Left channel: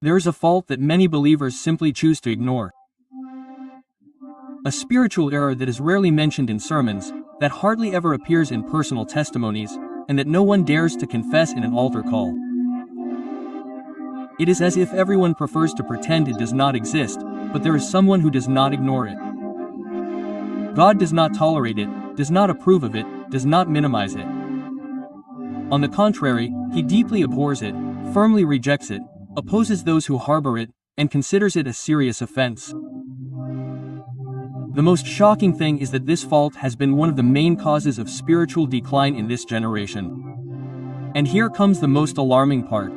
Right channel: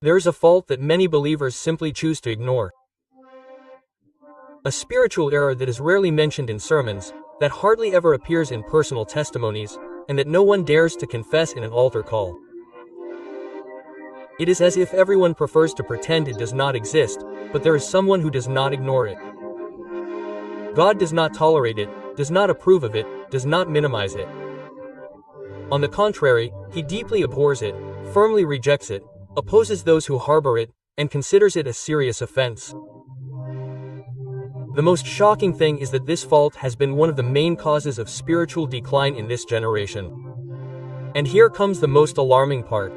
There is a fault that many believers simply choose to ignore. A spiritual error that is rarely mentioned in sermons, that hardly ever appears in personal testimonies, and that no one dares to confess in an altar call. It is as if everyone prefers to pretend it does not exist, but there is someone who does not ignore it. God does not tolerate it, does not approve of it, does not minimize it. On the contrary, he deeply abhors it, firmly rejects it, opposes those who harbor it, and considers it a serious offense. The most shocking thing is that this fault has been one of the main causes of spiritual decline in this generation. And here comes the most alarming part.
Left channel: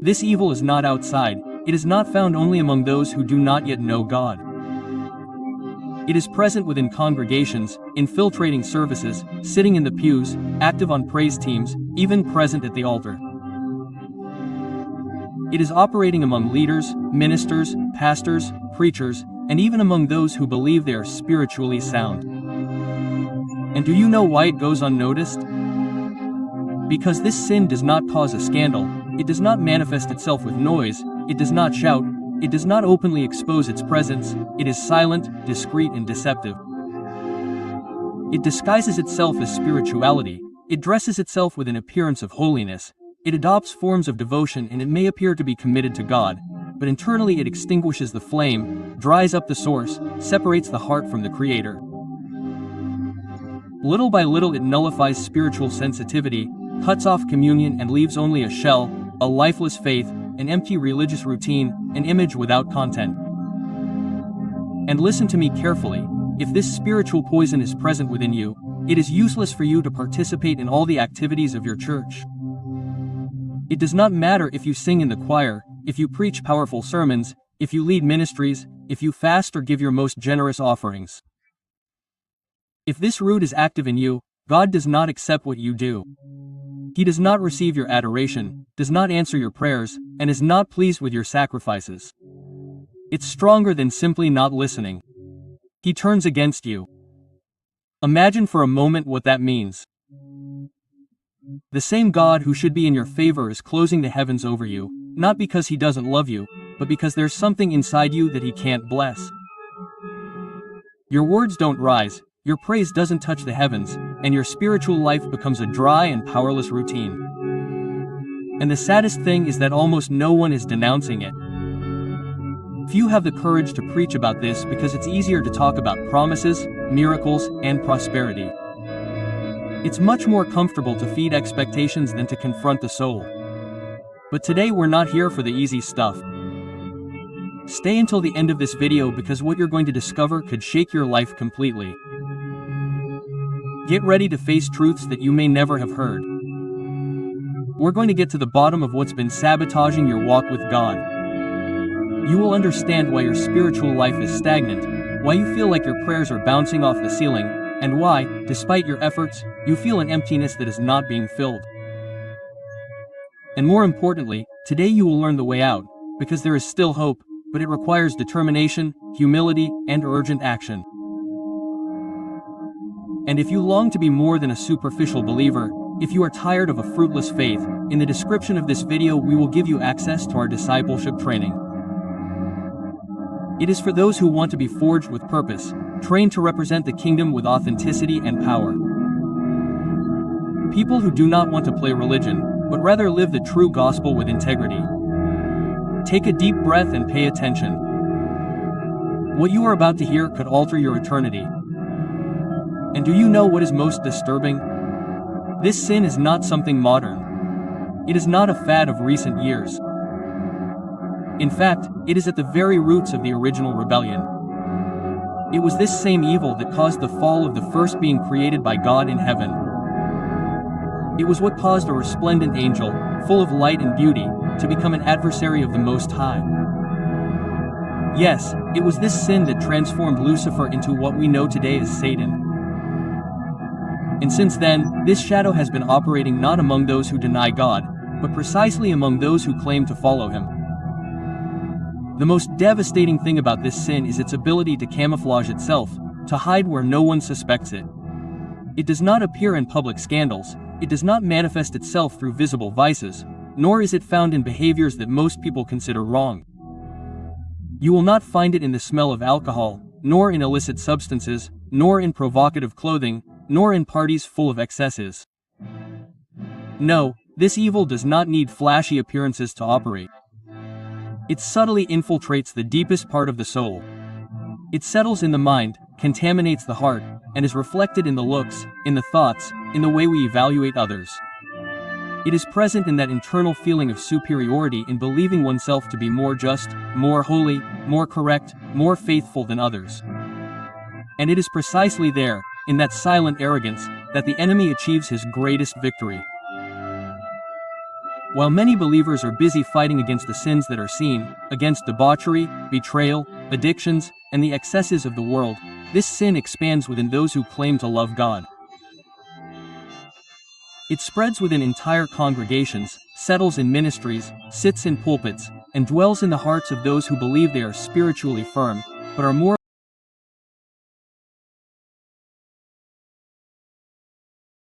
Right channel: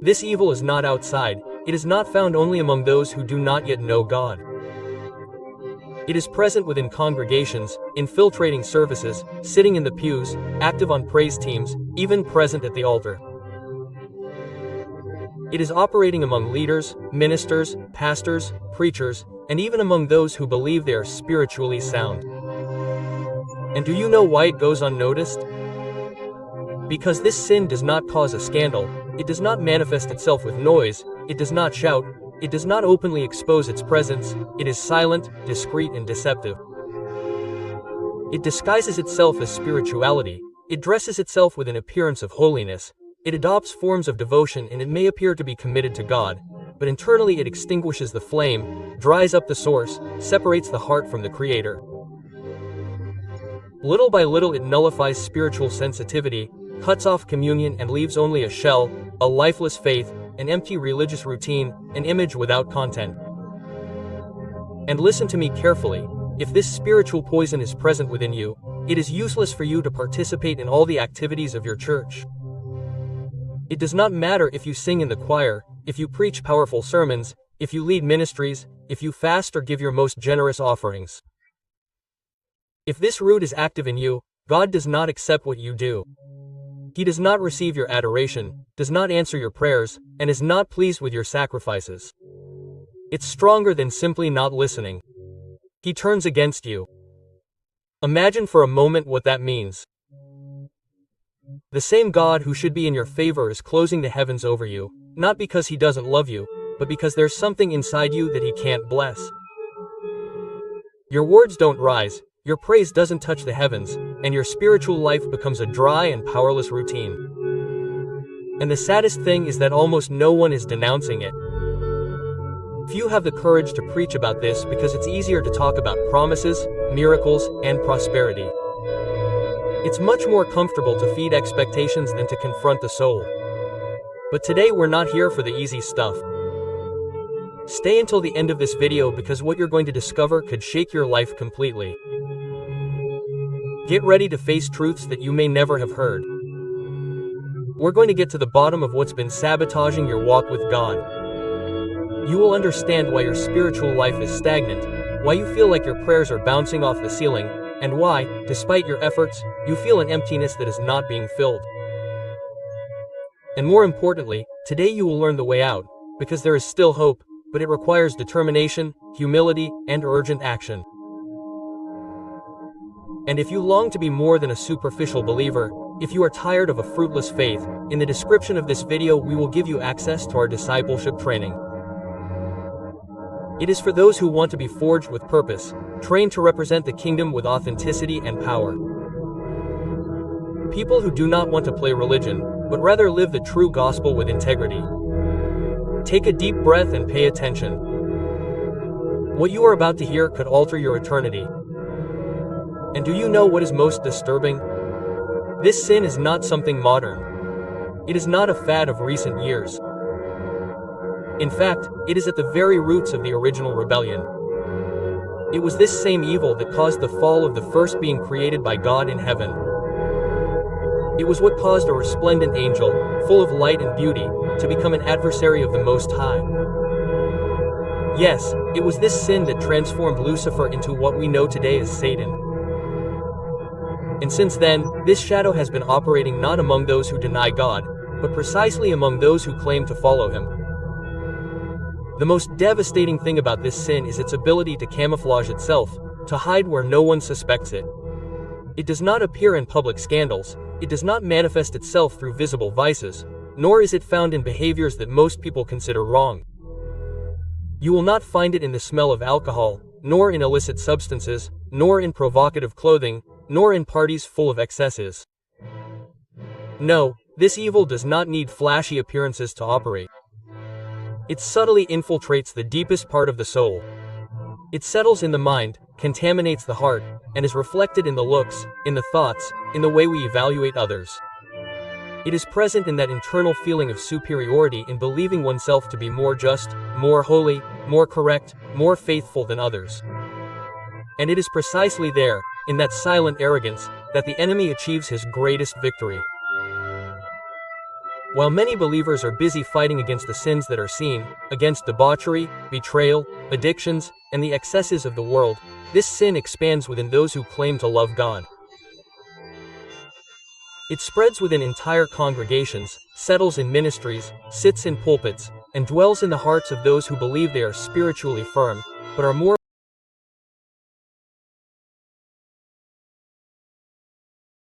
This evil is not outside, it is not found only among those who do not yet know God. It is present within congregations, infiltrating services, sitting in the pews, active on praise teams, even present at the altar. It is operating among leaders, ministers, pastors, preachers, and even among those who believe they are spiritually sound. And do you know why it goes unnoticed? Because this sin does not cause a scandal, it does not manifest itself with noise, it does not shout, it does not openly expose its presence, it is silent, discreet and deceptive. It disguises itself as spirituality, it dresses itself with an appearance of holiness, it adopts forms of devotion and it may appear to be committed to God, but internally it extinguishes the flame, dries up the source, separates the heart from the Creator. Little by little it nullifies spiritual sensitivity, cuts off communion and leaves only a shell, a lifeless faith, an empty religious routine, an image without content. And listen to me carefully, if this spiritual poison is present within you, it is useless for you to participate in all the activities of your church. It does not matter if you sing in the choir, if you preach powerful sermons, if you lead ministries, if you fast or give your most generous offerings. If this root is active in you, God does not accept what you do. He does not receive your adoration, does not answer your prayers, and is not pleased with your sacrifices. It's stronger than simply not listening. He turns against you. Imagine for a moment what that means. The same God who should be in your favor is closing the heavens over you, not because he doesn't love you, but because there's something inside you that he can't bless. Your words don't rise, your praise doesn't touch the heavens, and your spiritual life becomes a dry and powerless routine. And the saddest thing is that almost no one is denouncing it. Few have the courage to preach about this because it's easier to talk about promises, miracles, and prosperity. It's much more comfortable to feed expectations than to confront the soul. But today we're not here for the easy stuff. Stay until the end of this video because what you're going to discover could shake your life completely. Get ready to face truths that you may never have heard. We're going to get to the bottom of what's been sabotaging your walk with God. You will understand why your spiritual life is stagnant, why you feel like your prayers are bouncing off the ceiling, and why, despite your efforts, you feel an emptiness that is not being filled. And more importantly, today you will learn the way out, because there is still hope, but it requires determination, humility, and urgent action. And if you long to be more than a superficial believer, if you are tired of a fruitless faith, in the description of this video we will give you access to our discipleship training. It is for those who want to be forged with purpose, trained to represent the kingdom with authenticity and power. People who do not want to play religion, but rather live the true gospel with integrity. Take a deep breath and pay attention. What you are about to hear could alter your eternity. And do you know what is most disturbing? This sin is not something modern. It is not a fad of recent years. In fact, it is at the very roots of the original rebellion. It was this same evil that caused the fall of the first being created by God in heaven. It was what caused a resplendent angel, full of light and beauty, to become an adversary of the Most High. Yes, it was this sin that transformed Lucifer into what we know today as Satan. And since then, this shadow has been operating not among those who deny God, but precisely among those who claim to follow him. The most devastating thing about this sin is its ability to camouflage itself, to hide where no one suspects it. It does not appear in public scandals, it does not manifest itself through visible vices, nor is it found in behaviors that most people consider wrong. You will not find it in the smell of alcohol, nor in illicit substances, nor in provocative clothing, nor in parties full of excesses. No, this evil does not need flashy appearances to operate. It subtly infiltrates the deepest part of the soul. It settles in the mind, contaminates the heart, and is reflected in the looks, in the thoughts, in the way we evaluate others. It is present in that internal feeling of superiority in believing oneself to be more just, more holy, more correct, more faithful than others. And it is precisely there, in that silent arrogance, that the enemy achieves his greatest victory. While many believers are busy fighting against the sins that are seen, against debauchery, betrayal, addictions, and the excesses of the world, this sin expands within those who claim to love God. It spreads within entire congregations, settles in ministries, sits in pulpits, and dwells in the hearts of those who believe they are spiritually firm, but are more